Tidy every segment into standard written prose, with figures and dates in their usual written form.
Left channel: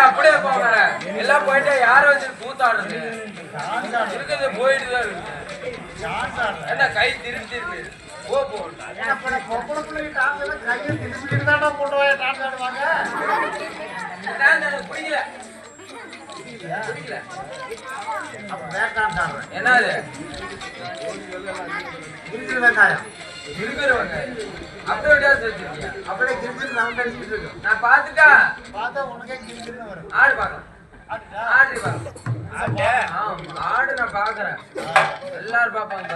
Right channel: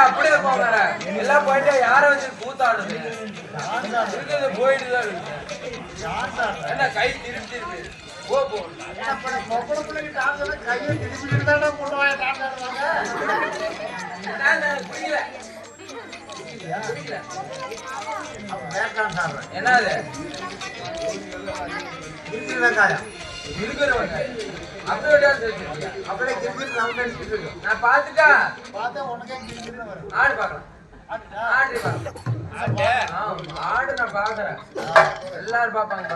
அப்படியே போகிற எல்லாம் போயிட்டா யார வச்சு கூத்தாடுது இருக்குது போயிட்டு தான் இருக்கு என்ன கை திருப்பி திருப்பி போ போ பொம்பளை பிள்ளைங்க கையை திருப்பி தானே போடுவாங்க டான்ஸ் ஆடுவாங்க பிடிக்கல என்னது நான் பாத்துட்டா பார்த்தா உனக்கே வரும் ஆடு பாக்கலாம் ஆடு நான் பாக்குறேன் எல்லாரும் பாப்பாங்க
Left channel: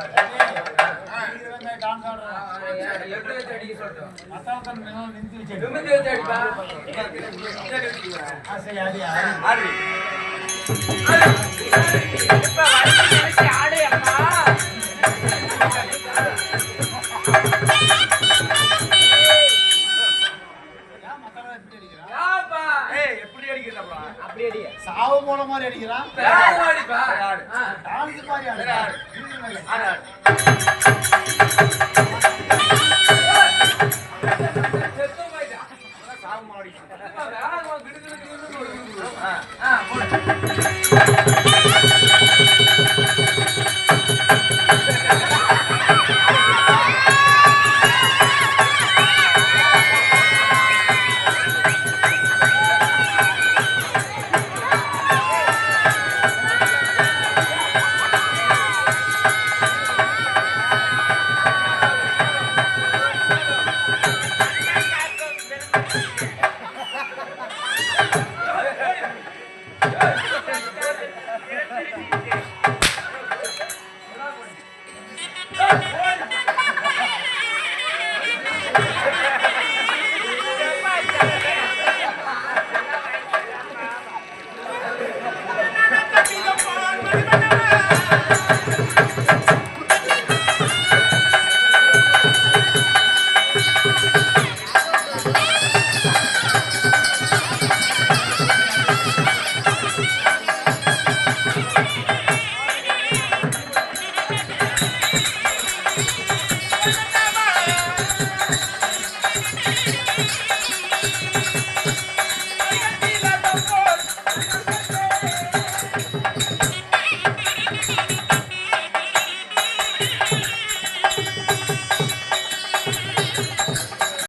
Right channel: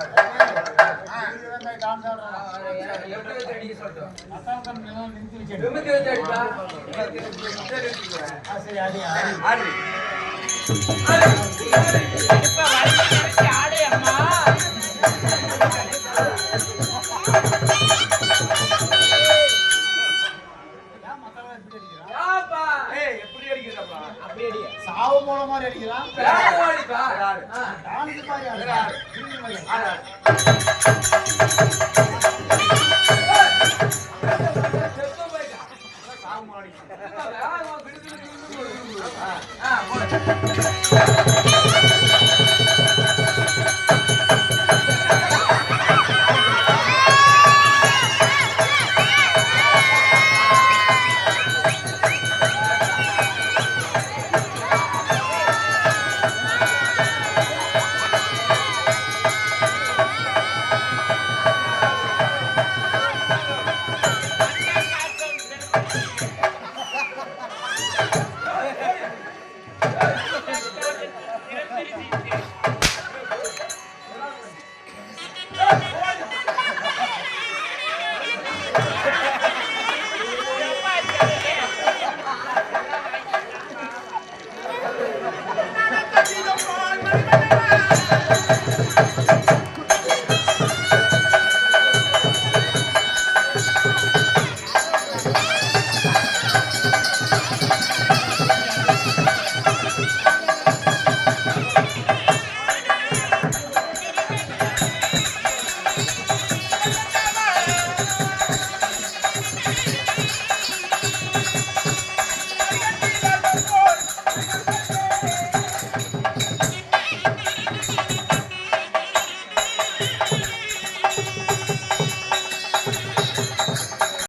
எப்படி வச்சு அடிக்க சொல்லிட்டோம் நிமித்தி வச்சு அடிப்பா ஆடு அம்மா எப்படி அடிக்கிறா அப்படி அடி சாவு போன மாதிரி அடிக்கிறான் டான்ஸ் மாதிரி ஆடு